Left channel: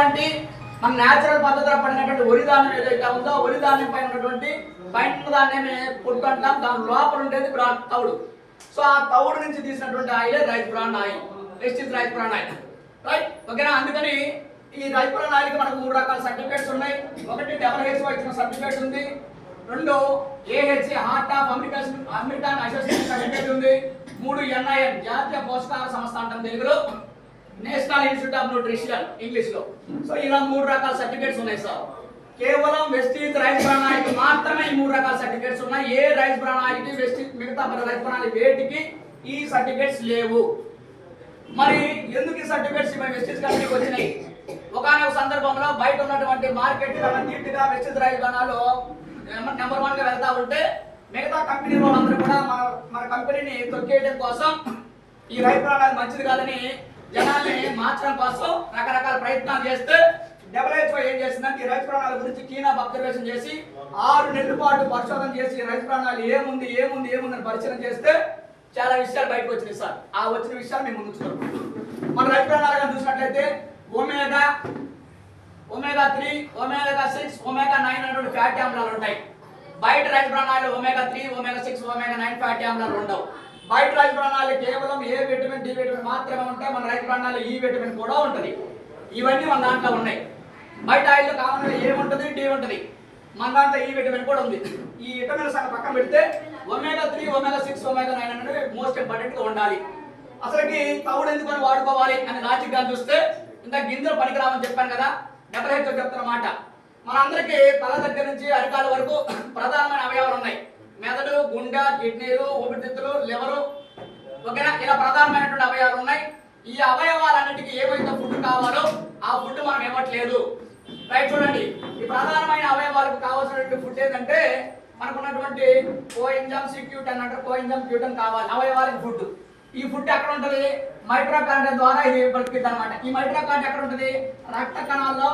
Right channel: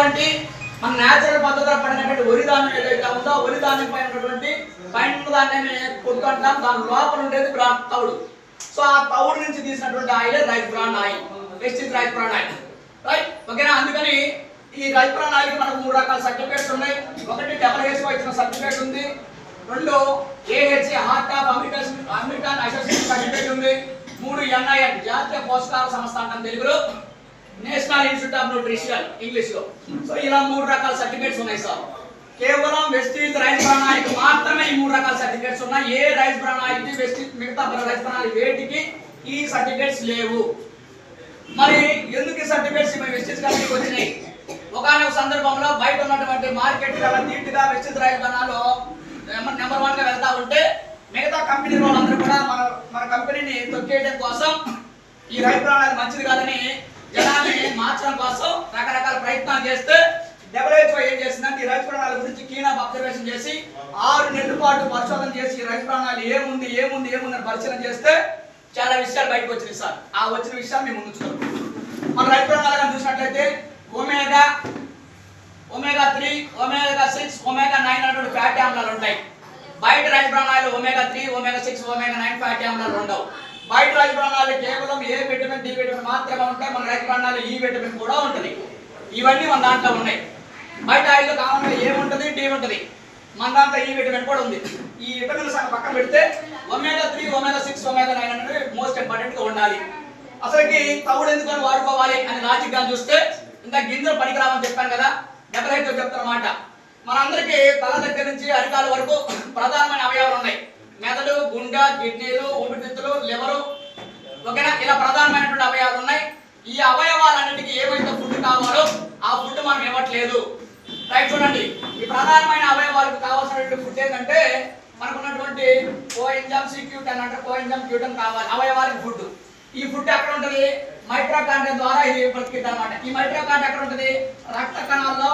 ఉన్నటువంటి మన న్యాచురల్ పద్ధతిలో పడినటువంటి వరి ధాన్యం ఏదైతే ఉందో వరి ధాన్యం పైన ఉన్నటువంటి పైన దాన్ని పొట్టు అంటాం, దాని లోపల ఉండేది తవుడు. సో ఆ తవుడు నుంచి తీసినటువంటి ఆయిలే rice bran oil, Vestige rice bran oil, right? ఓకేనా? అందుకని ఈ రైస్ బ్రాన్ ఆయిల్ మనకు 3 రకాల సర్టిఫికేట్స్ ఉన్నాయి. ఒకటి WHO ఇచ్చిన సర్టిఫికేట్ ఉంది, 2 AHA heart of American association certificate ఉంది, 3 NIN జాతీయ పోషకాహార సంస్థ అంటాం తెలుగులో, national institute of nutrition English లో. సో ఇలా 3 రకాల సర్టిఫికేట్స్ ఉన్నాయి సార్. కేవలం వెస్టీజ్ రైస్ బ్రాన్ ఆయిల్ మాత్రమే ఈ 3 రకాల సర్టిఫికేట్స్ ఉన్నాయి. ఏ రైస్ బ్రాన్ ఆయిల్ కి వెస్టీజ్ మిగతా రైస్ బ్రాన్ ఆయిల్ వేటికి ఈ సర్టిఫికేట్స్ లేవు. మరి ఎందుకు ఈ సర్టిఫికేట్స్ మన వెస్టీజ్ కంపెనీకి వచ్చినాయి? ఒకనొక సందర్భంలో బయట ఉన్నటువంటి మార్కెట్ నీట్గా Vestige rice bran oil number 1 గా వెళ్తా ఉంటే మిగతా కంపెనీ వాళ్ళందరూ కూడా మన కంపెనీని తొక్కేయడం కోసం ఈ రైస్ బ్రాన్ ఆయిల్ మంచిది కాదని జనాన్ని మార్చడం కోసం రకరకాల ప్రయత్నాలు చేస్తే WHO ఏం చేసిందంటే ఈ రైస్ బ్రాన్ ఆయిల్ గురించి కీన్ ఆఫ్ అబ్జర్వేషన్ చేసి 6 నెలల పాటు పరిశోధన చేసి ఈ రైస్ బ్రాన్ ఆయిల్ ఏముంది అని పరిశీలన చేస్తే చాలా విషయాలు బయటకు వచ్చినాయి సార్. ఆ వచ్చిన విషయాలు మేము ముందు చూద్దాం. మన రైస్ బ్రాన్ ఆయిల్ చూసినట్లయితే ఒమేగా 3, ఒమేగా 6, ఒమేగా 9 అనేటువంటి ఫ్యాటీ ఆమ్లాలు ఉంటాయి. బయట rice bran oil omega 3, omega 6, omega 9 fatty ఆమ్లాలు ఉండవు. బయట రైస్ బ్రాన్ ఆయిల్ కేవలం ఏ విటమిన్, డి విటమిన్ మాత్రమే ఉంటాయి. మన రైస్ బ్రాన్ ఆయిల్ ఈ విటమిన్ కూడా ఉంటుంది. ఇవన్నీ మన దాంట్లో ఉన్నాయి. బయట ఆయిల్లో కామన్ గా ఏ ఉంటుంది, డి ఉంటుంది. మన దాంట్లో ఈ విటమిన్ కూడా ఉంది. ఈ విటమిన్స్ అక్కడ పక్కన పెడితే ఒమేగా 3, ఒమేగా 6, ఒమేగా 9 అనేది మోస్ట్ ఇంపార్టెంట్ గా ఉండాలి. అసలుకి తవుడు ఎందుకని వాడుకోవాలి అని లాజిక్ గా చూస్తే ఇంత గింజలు పనికిరావని చెప్పాను కదా, WHO చెప్తున్నమాట. మనందరికీ తల దగ్గర నుంచి అరికాల వరకు ప్రధానమైన అవయవాలు ఉన్నాయి. మెదడు, గుండె, కిడ్నీలు, ఊపిరితిత్తులు, లివరు, ఓకేనా? ఇలా ప్రధానమైనటువంటి అవయవాలు ఉన్నాయి. ఈ అవయవాలన్నిటికీ ఏమైతే ఫుడ్ కావాలో ఆ ఫుడ్ మనం ఇవ్వట్లేదు. రైట్, చూడండి. ఈ ప్రధానమైన అవయవాలకు కావాల్సినటువంటి ఫుడ్ ఏంటంటే మనకున్నటువంటి కోఎంజైమ్ C-క్యూటన్ అంటే కోఎంజైమ్ క్యూటన్ కావాలి అవయవాలకు ఫుడ్. ఈ ఫుడ్ ఎక్కడ ఉంటుంది? మైటోకాండ్రియా ద్వారా ఇది బ్రతికిద్ది అన్నమాట. ఈ మైటోకాండ్రియా ఎక్కడ ఉంటుంది? రక్త కణాల్లో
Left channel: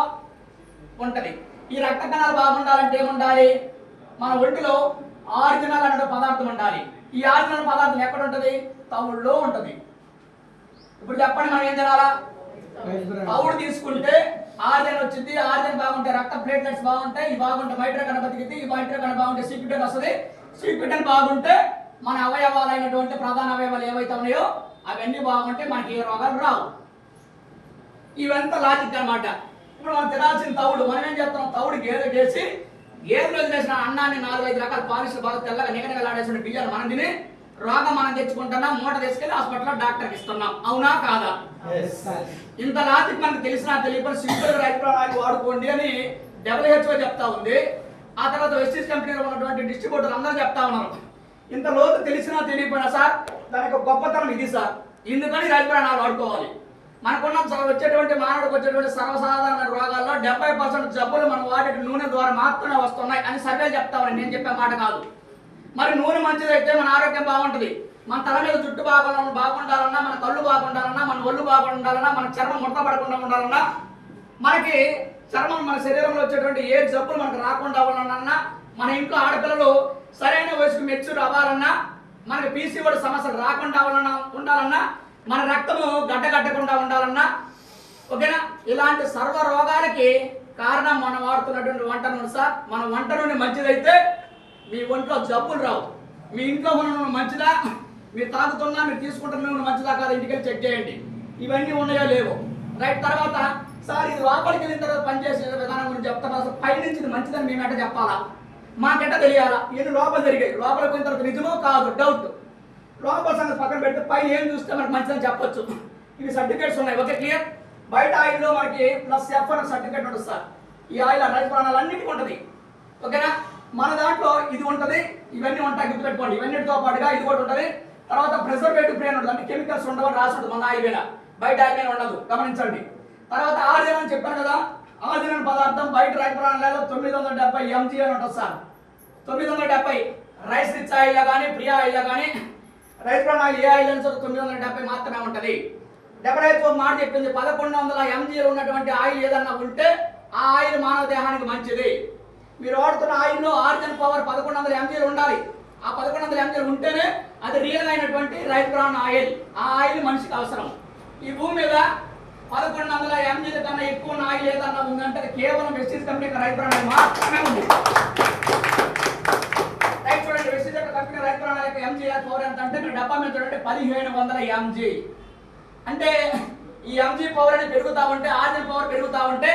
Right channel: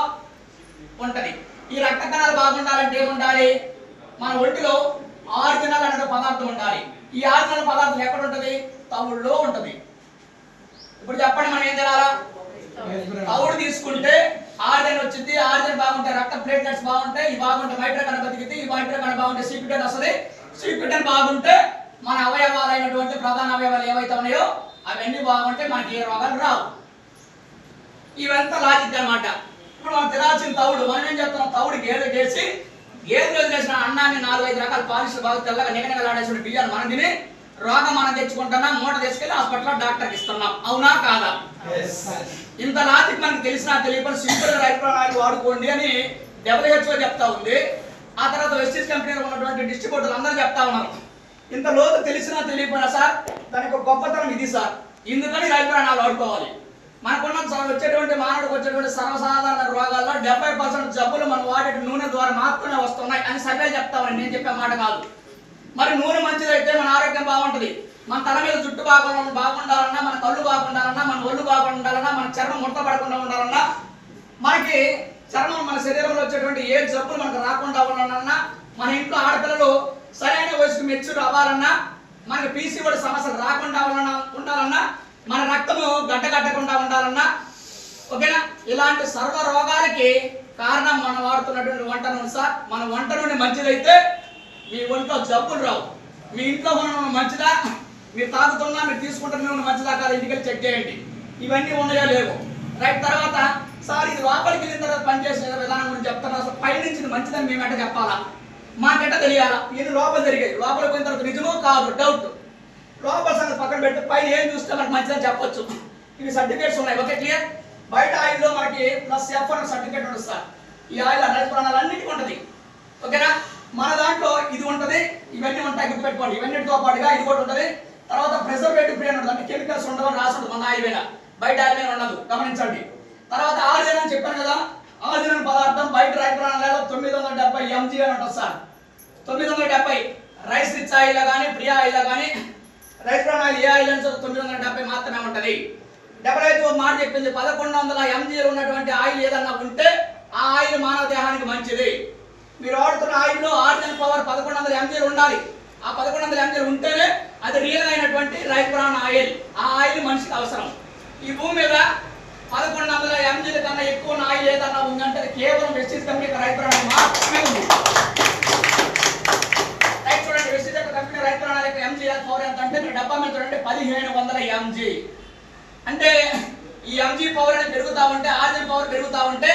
ఉంటది. ఈ రక్త కణాలు బాగుండాలంటే ఏముండాలి? మన ఒంటిలో ఆర్జినల్ అనే పదార్థం ఉండాలి. ఈ ఆర్జినల్ పదార్థం ఎక్కడ ఉంటుంది? తవుడులో ఉంటుంది. ఇప్పుడు చెప్పండి, మనం ఏం చేయాలా? తవుడు తీసుకుంటే ఆర్జిన్ వచ్చింది. ఆర్జిన్ బాగుంటే రక్త ప్లేట్లెట్స్ బాగుంటాయి, ఇవి బాగుంటే మైటోకాండ్రియా బతికిద్ది. ఈ మైటోకాండ్రియా బాగుంటే C-క్యూటన్ వస్తుంది. C-క్యూటన్ బాగుంటే మన అవయవాలైనటువంటి ప్రధాన అవయవాలు ఏవైతే ఉన్నాయో అవన్నీ బాగుంటే మనకి ఏ రోగాలు రావు. ఇవంతా లాజిక్ అన్నమాట. ఇప్పుడు మనం తినాల్సిన తవుడు మనం ఏం చెప్తున్నాం? తవుడు గేదె చేసి గేదెలో చేసిన అన్నాన్ని 4-5 రకాల పాలిష్లు బాగా తెల్లగా నిగనిగలాడేసిన బియ్యాన్ని మనం తిని రోగం మనం తెచ్చుకుంటున్నాం, మూట తీసుకెళ్లి హాస్పిటల్లో డాక్టర్కి ఇస్తున్నాం. అవునా కాదా? ఇంత లాజిక్ మనకు తెలిసినా తెలియకుండా సింపుల్ రైస్ బ్రాన్ ఆయిల్ వాడుకోండి అని WHO చెప్తా ఉంది. ఆ తర్వాత వెస్టీజ్ కంపెనీలో ఉన్నటువంటి డిస్ట్రిబ్యూటర్లు అందరూ చెప్తా ఉన్నారు. ఇంత లోతు తెలిసినా తెలియకపోయినా సార్ దానికి గొప్పతనం ఇది సార్. ఎందుకని రైస్ బ్రాన్ ఆయిల్ వాడుకోవాలి? మనకున్న వచ్చేటువంటి మానవుడికి వచ్చేటువంటి సర్వసాధారణ రోగాల్లో 70% జబ్బులు మనం వాడే నూనె ద్వారా మాత్రమే వస్తున్నాయి అని సర్వే చెప్తామని నేను చెప్పే మాట కాదు. మరి నూనె మంచిదైతే మన ఆరోగ్యం బాగుంటుంది. మన తల మీద జుట్టు బాగుండాలన్నా, మన కళ్ళు బాగుండాలన్నా, మన ఒళ్ళు బాగుండాలన్నా, మన చర్మం ముడత పడకుండా ఉండాలన్నా, మనకి చర్మం మన శరీరంలో వచ్చేటువంటి ఏ జబ్బులు మనకు రాకుండా ఉండాలన్నా, మన ఇంట్లో ఆడపిల్లలు సరైన వయసుకు మెచ్యూర్ అవ్వాలన్నా, మనకి PCOD సమస్యలు రాకుండా ఉండాలన్నా, మన రక్తము గడ్డగట్టకుండా ఉండాలన్నా, ఓకేనా? ఇలాంటి సర్వ రోగాలకి కారణం మనం వాడుతున్నటువంటి వంట నూనె సార్. మన వంట నూనె మంచిదైతే మీ ఒంట్లో జబ్బులు రావు. మీ ఇంట్లో ఉన్న నూనె మంచిదా, మీరు తాగుతున్నా, మీరు తీసుకుంటున్న నూనె మంచిదా కాదు ఇంటికి చెక్ చేయండి. ఇవన్నీ ఉన్నాయో లేవో. రైట్, తర్వాత సార్ ఇది లోపలికి వెళ్ళిన తర్వాత పనిచేసే విధానం గురించి చెప్తాను. అసలు పైనుంచి మంచిదని మేము ఎట్ట చెప్పాలా, మాకెట్ట తెలియాలా? ఇది లోపల జరిగేది. లోపలికి పోయిన తర్వాత నిజమో కాదు డౌట్. లోపల సంగతి పక్కన పెట్టి పైన ఏం చూస్తే మనకు మంచిదని చెప్పొచ్చు. ఇవి సర్టిఫికేట్స్ ఉన్నాయి. Okay, clear? బయట ఆయిల్లో మనకి +F అనే సర్టిఫికేట్ ఉంటుంది సార్. ఈ ఆయిల్ రైస్ బ్రాన్ ఆయిల్ అన్నిటికీ ఉంటుంది. ఓకేనా? మన దాంట్లో ఇది ఉంటుంది, ఇవన్నీ ఉంటాయి, గుర్తుపెట్టుకోండి. ఇవన్నిటితో పాటుగా ఇది కూడా ఉంటుంది. తర్వాత ప్రిజర్వేటివ్ ఫ్రీ అని ఉంటుంది, అంటే కెమికల్స్ ఉండవని రాసి ఉంటుంది మన ఆయిల్ మీద. బయట ఆయిల్ మీద ఉండదు, గమనించండి. తర్వాత ఆర్జిన్ అని చెప్పాను కదా, ఆర్జిన్ పదార్థం బయట రైస్ బ్రాన్ ఆయిల్ 970 mg అని ఉంటుంది సార్. 970 రైస్ రిచ్ ఆయిల్ కానీ, ప్రియా ఆయిల్ కానీ, రైస్ బ్రాన్ ఆయిల్ ఏ ఆయిల్ అని 970 మాత్రమే ఉంటుంది. WHO మాట చెప్పింది 1100 mg ఉన్నటువంటి ఆయిల్ ఏదన్నా ఉంటే ఆ ఆయిల్ మానవ దేహానికి మంచిది. మీరు వాడుతున్న ఆయిల్లో ఆర్జిన్ పవర్ 1100 mg ఉండాలి. ఆ 1100 mg ఉంటేనే అది రియల్ అయినటువంటి రైస్ బ్రాన్ ఆయిల్. ఆ ఆయిల్ మనిషికి అవసరం. ఈ భూమి మీద 1100 mgల కన్నా ఎక్కువ ఆయిల్ ఏదన్నా ఉందంటే కేవలం వెస్టీజ్ కంపెనీ రైతు బ్రాండ్ మాత్రమే ఉంది. రైట్ చూడండి, వెస్టీజ్ కంపెనీ రైతు బ్రాండ్ యొక్క ఎంజీఆర్ పవర్ ఎంత అంటే మీరు డబ్బా మీద చూడండి 1700 mg. అంటే ఈ ఎంజీ పవర్ అనేది పెరుగుతా ఉంటే ఆర్జన్ పవర్ పెరుగుతా ఉంటే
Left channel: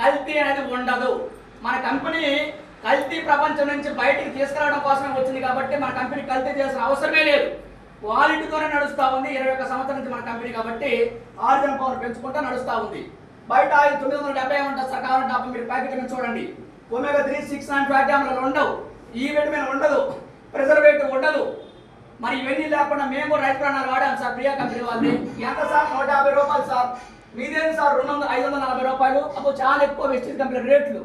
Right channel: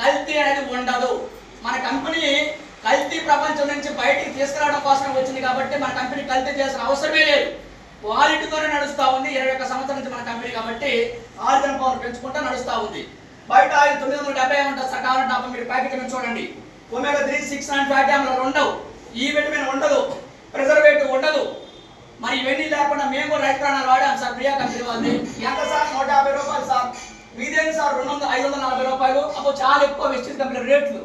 కల్తీ అనేది ఉండదు. మన కంపెనీ కల్తీ ప్రపంచం నుంచి బయటికి తీసుకురావడం కోసమే వచ్చింది కాబట్టి మన కంపెనీ కల్తీ చేసిన అవసరమే లేదు. క్వాలిటీతోనే నడుస్తూ ఉంది. 21 సంవత్సరం నుంచి మన కంపెనీ కాబట్టి ఆర్జన్ పవర్ పెంచుకుంటూ నడుస్తూ ఉంది. బయట 970 ఉంటుంది సార్, కావాలంటే మీరు ప్యాకెట్ మీద చూడండి. ఒమేగా 3, 6 ఫ్యాటీ ఆమ్లాలు ఉండవు, ఈ విటమిన్ ఉండదు, ప్రిజర్వేటివ్ ఉండదు. మరి ఇవన్నీ లేకుండా మేము రైతు ప్రాణాలు వాడాం సార్. ప్రియా కంపెనీ వాళ్ళని ఎంత సార్? 150 రూపాయలు సార్. మీదేం సార్ 540 రూపాయలు. అప్పుడు చాలా ఎక్కువ వెస్టీజ్ కంపెనీ రేట్లు.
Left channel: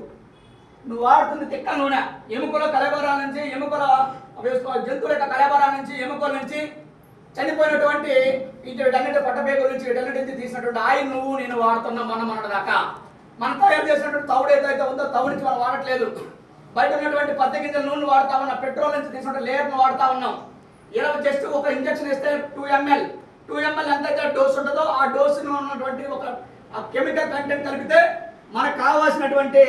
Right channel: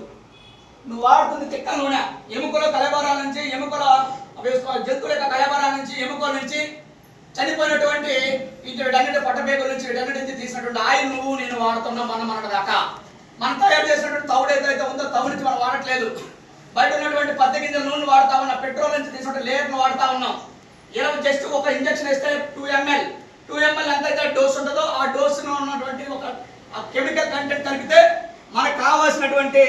నువ్వు వాడుతుంది తిక్క నూనె, ఎముకల కలబరాల నుంచి, ఎముకల జంతువుల యొక్క కలబరాల నుంచి, ఎముకల నుంచి చనిపోయినటువంటి వీటన్నిటి పొట్టపేగుల నుంచి వీటన్నిటి నుంచి తీసినటువంటి ఆయిల్ నువ్వు నేను వాడుతున్నాం. మన దాకా మనం తయారు చేసినటువంటి తౌడు ఏదైతే ఉందో తౌడు నుంచి మనం వాడట్లేదు. బయట ఉన్నటువంటి 10 గింజల నూనె వాడుతా ఉన్నాం, పెట్రోల్ నుంచి తీసినటువంటి లేయర్ను వాడుతా ఉన్నాం. జస్ట్ ఒక ఇంజక్షన్ ఇస్తే 2 ml ఎంతైతే డోస్ ఉంటుందో ఆ డోసులో ఉన్నటువంటి ఒక కెమికల్ కంటెంట్ కలిపితే మనకు కావాల్సినటువంటి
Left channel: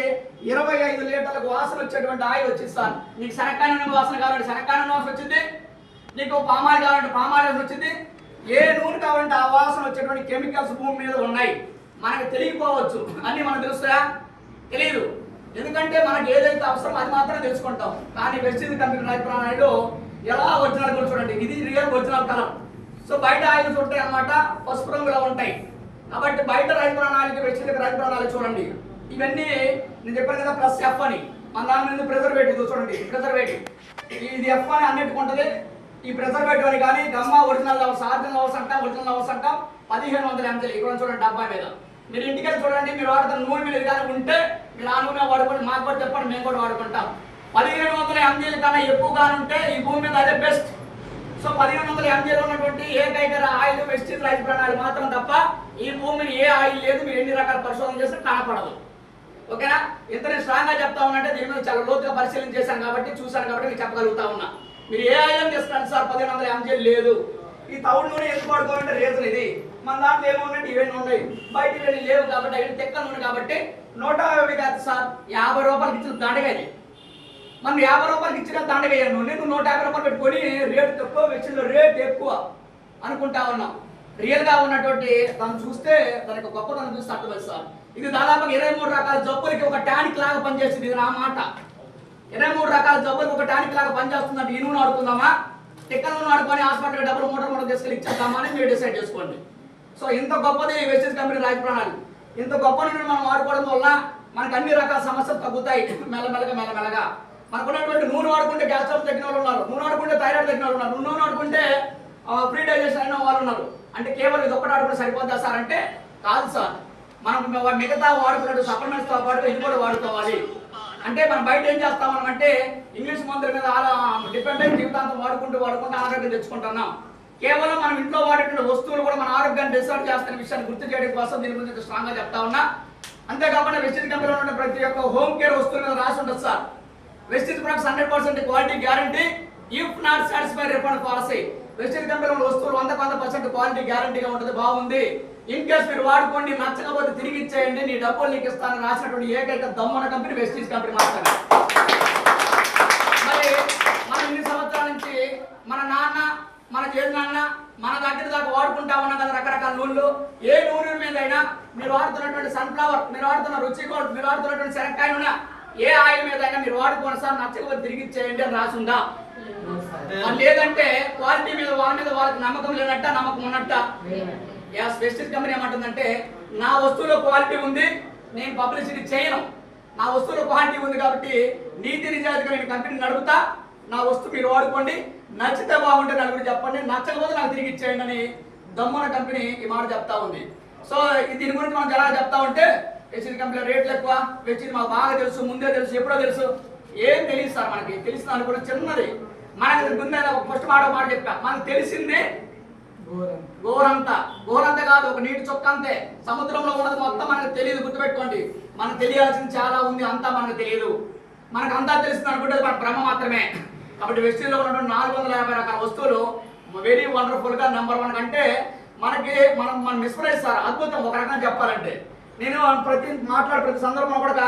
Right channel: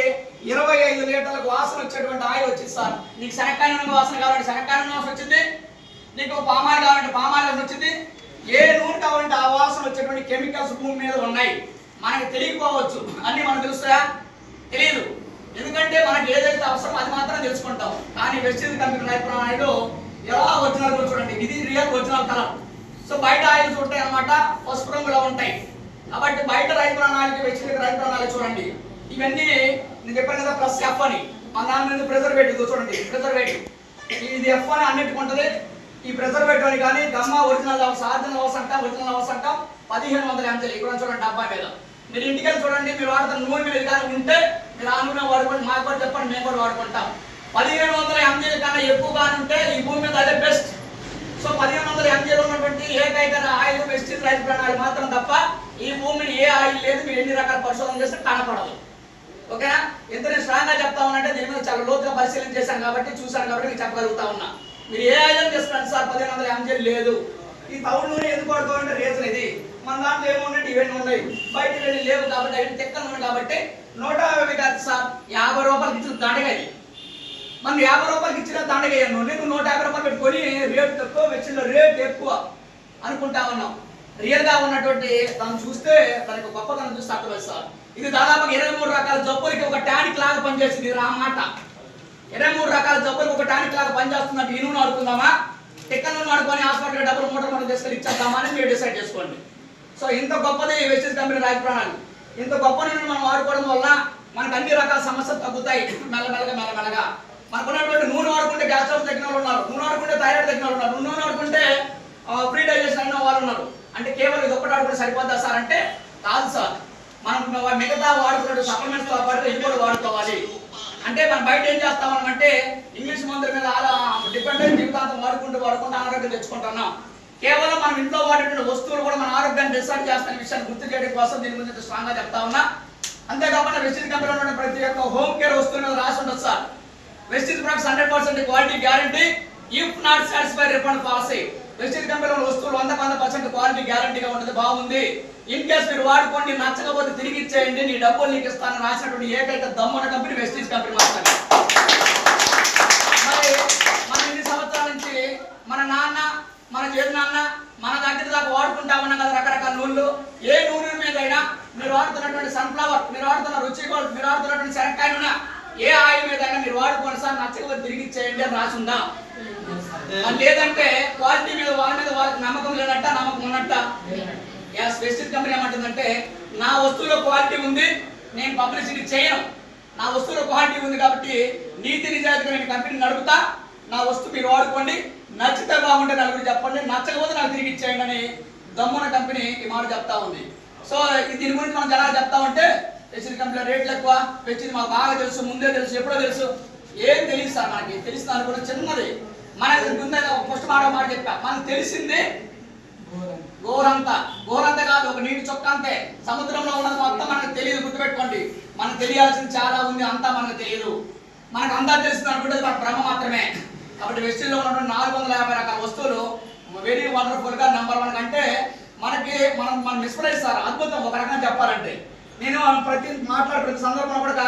25 లీటర్లకు వాసన వచ్చేటువంటి ఆయిల్ వచ్చింది సార్. నీకు శనక్కాయ నూనె వాసన కావాలంటే శనక్కాయ నూనె వాసన వచ్చింది, నీకు పామాయిల్ కావాలంటే పామాయిల్ వాసన వచ్చింది. ఏ నూనె కావాలంటే ఆ వాసన వచ్చేటువంటి కెమికల్స్ భూమి మీద ఉన్నాయి. మనకు తెలియకపోవచ్చు, అన్నీ మనకు తెలుస్తాయా? తెలియదు. ఎందుకంటే మనకి ఏదైతే అవసరం అది మాత్రం తెలుసుకుంటాం. కానీ వెస్టీజ్ కంపెనీ నైపుణ్యాలు ఎలా ఒరిజినల్ చూడండి, ఇది రియల్ ఒరిజినల్ కలర్. సో బయట ఆయిల్స్ ఉంటాయి అన్నమాట, పసుపు రంగులో ఉంటాయి. కాబట్టి బయట రైతు ప్రణాళిక వెస్టీజ్ రైతు ప్రణాళిక చూడండి. ఇవన్నీ నేను చెప్పాను కదా, ప్లస్ ఎఫ్ అని. మన దాని మీద ప్రిజర్వేటివ్ చూడండి, ప్రిజర్వేటివ్ ఇది ఎఫ్ అని అన్నిటికి ఉంటుంది. ఈ ప్రిజర్వేటివ్ అని కానీ గమ్మా ఒరిజినల్ లెవెల్స్, ఆర్జినల్ లెవెల్స్ అంటాం, ఒరిజినల్ లెవెల్స్ అంటాం. 1500 mg ఇక్కడ చూడండి డబ్బా మీద. మీరు ఇంటికి వెళ్ళి చూడండి, మీరు వాడుతున్న నూనె మీద కానీ ఉంటే మీరు ఆ నూనె వాడుకోండి, మాకు కూడా చెప్పండి, మేము కూడా వాడుకుంటాం. 1500 mg కన్నా ఎక్కువగా ఉంటే ఈ భూమి మీద అదే బెస్ట్. సో 1500 mg ఉన్నటువంటి ఏకైక ఆయిల్ వెస్టీజ్ రైతు ప్రణాళిక మాత్రం తప్ప ఈ భూమిని ఏ ఆయిల్ లేదు. మీరు ఎన్ని రకాల పరిశోధన చేస్తే కనపడదు. ఓకేనా? ఎంత నేను స్ట్రాంగ్ గా చెప్తా ఉన్నానంటే దీని మీద చాలా లోతుగా పరిశీలన చేశాను కాబట్టి, చూశాను కాబట్టి మీకు చెప్పగలుగుతా ఉన్నా. మీరు ఏ ఆయిల్ చేస్తున్నారు సార్ 1500 mg లేదు. ఈ తౌడు నూనె ఎందుకు వాడుకోవాలంటే రీజన్ ఇది. మన దాంట్లో ఏమవునంటే ఇవన్నీ ఉన్నాయి, బయట వెళ్ళి లేవు కాబట్టి అవి తెక్క నూనె కాబట్టి 150 కాదు సార్, 50 రూపాయలకి ఇచ్చిన దండగది. మనం 50 రూపాయలకి ఇచ్చిన దండగయ్యా నూనె, నువ్వు 150 రూపాయలు పెట్టుకొని రేటు తక్కువ, వెచ్చింలో రేట్ ఎక్కువ అనుకుంటా ఉన్నాం. రియల్ గా ఉన్నటువంటి దాన్ని చూస్తే దానికి గొప్పతనం చూస్తే అక్కడ సార్. ఇది దాదాపుగా 23 రకాల జబ్బులకి ఒక టానిక్ లాగా పనిచేస్తుంది. ఇది నా మాట. 23 రకాల జబ్బులకు ఒక టానిక్ లాగా పనిచేస్తున్నట్టు ఈ నూనె ఆడుకుందామా, టిక్క నూనె ఆడుకొని హాస్పిటల్ డబ్బులు మూట తీసుకెళ్ళి ఇచ్చేద్దామా అని మీరు డిసైడ్ చేసుకోండి. సో ఇంత గొప్పది వెస్టీజ్ కంపెనీ రైతు ప్రణాళిక. ఇంత గొప్ప నూనె మనం వాడుకోవడం వల్ల మనకు అన్ని రకాల సమస్యలు తగ్గుతాయి మెల్లమెల్లగా. మనకు ఉన్నటువంటి నూనె వాడుకుంటే గ్యాస్ ట్రబుల్ తగ్గిన వాళ్ళు ఉన్నారు, నూనె వాడుకుంటే థైరాయిడ్ తగ్గిన వాళ్ళు ఉన్నారు, నూనె వాడుకుంటే ఫ్రీ డైజెషన్ అయిన వాళ్ళు ఉన్నారు. అంటే కేవలం ఇది ఒక్కటి ఆడుకుంటే సరిపోద్దా సార్ అంటే కాదు సార్. మనం మిగతా వాడుకున్నట్టు సప్లిమెంట్స్ తో పాటు ఇది కూడా వాడుకోవాలి. అంటే మనం బయట ఏం చేస్తామని అంటే ఇంగ్లీష్ మందుల మీద డిపెండ్ అయ్యి జీవితాంతం వాడుకుంటూ ఆరోగ్యం తెచ్చుకుంటున్నాం. కేవలం మనం ఇంట్లో వాడేటువంటి వస్తువులు కూడా మన ఆరోగ్యాన్ని డిసైడ్ చేస్తున్న విషయాన్ని గుర్తు చేయడం కోసం దీని గురించి స్ట్రాంగ్ గా చెప్తా ఉన్నా. అంతేకాకుండా వెస్టీజ్ కంపెనీలో ఉన్న ప్రతి ఒక్క హోమ్ కేర్ వస్తువు మీద రాసి ఉంటుంది sir. Vestige products 100% quality guarantee, if not satisfied refund policy. Vestige కంపెనీలో వస్తువులు 100% క్వాలిటీ గ్యారంటీగా ఉంటుంది. బాగుంది, ఇన్ కేస్ మీరు వాడుకోండి, నచ్చకపోతే తిరిగి ఇచ్చేయండి, నీ డబ్బులు నీకు ఇస్తానని రాసినటువంటి ఏకైక దమ్మున కంపెనీ వెస్టీజ్ కంపెనీ మాత్రమే. మరి మన ఇన్ని సంవత్సరాల నుంచి మన నాన్న, మన చేతి నాన్న మన దగ్గర దాకా వాడుకుంటా ఉన్నాం కదా రకరకాల నూనెలు. ఏ నూనె మీదైనా మీరు వాడుతున్నటువంటి సన్ఫ్లవర్, మీరు వాడుతున్న రుచి గోల్డ్, మీరు వాడుతున్నటువంటి శనక్కాయ నూనె, ఏ ఆయిల్ మీదైనా మీరు వాడుకోండి సార్, నచ్చకపోతే తిరిగి ఇచ్చేయండి అని రాసి ఉందా? లేదంటే క్వాలిటీ మీద వాళ్ళకి నమ్మకం లేనట్ట, నమ్మకం ఉన్నట్ట. వెస్టీజ్ కంపెనీ ఏమంటుందంటే నా వస్తువులో క్వాలిటీ ఉంది, నేను పబ్లిసిటీ చేయను. నా వస్తువులో క్వాలిటీ ఉంది కాబట్టి నీతి నిజాయితీగా నేను కంపెనీ నడుపుతా, నా వస్తువు మీరు వాడుకోండి, నచ్చితే బాగుంటే నలుగురు చెప్పండి, నచ్చకపోతే నాకు తిరిగి ఇచ్చేయండి అని దమ్మున కంపెనీ ఈ మాట చెప్తా ఉంది. సో దీని గురించి మనం ఎలా చెప్తా ఉంటే వెస్టీజ్ కంపెనీ రేట్లు ఎక్కువ, వెస్టీజ్ మాకు బాగా తెలుసు, ముందే తెలుసు, ఎప్పుడో తెలుసు, ఏం తెలియదు సార్. మనకి తెలిసిన అనుకోవడం చిన్నది. మనకి ముందే ఫస్ట్ మాట చెప్పా, మనకు తెలిసింది గోరంత కాదు, ఒక నీటి చొక్క అంతే. సముద్రంలో ఉన్నది మొత్తం మనకు తెలియదు, గుర్తుపెట్టుకోండి. మనకు తెలియాల్సింది చాలా ఉంది, అంతా మనకు తెలియదు. మనకు అంతా తెలిసింది అనుకుంటే మన భ్రమ మాత్రమే. కాబట్టి వెస్టీజ్లో ఉన్నటువంటి 450 రకాల వస్తువులు వెరీ వండర్ఫుల్ గా నెంబర్ 1 కంటే మనం మిస్ప్రైజ్ సార్, అద్భుతం ఒక రకంగా చెప్పాలంటే. నేను ప్రతి సందర్భంలో కూడా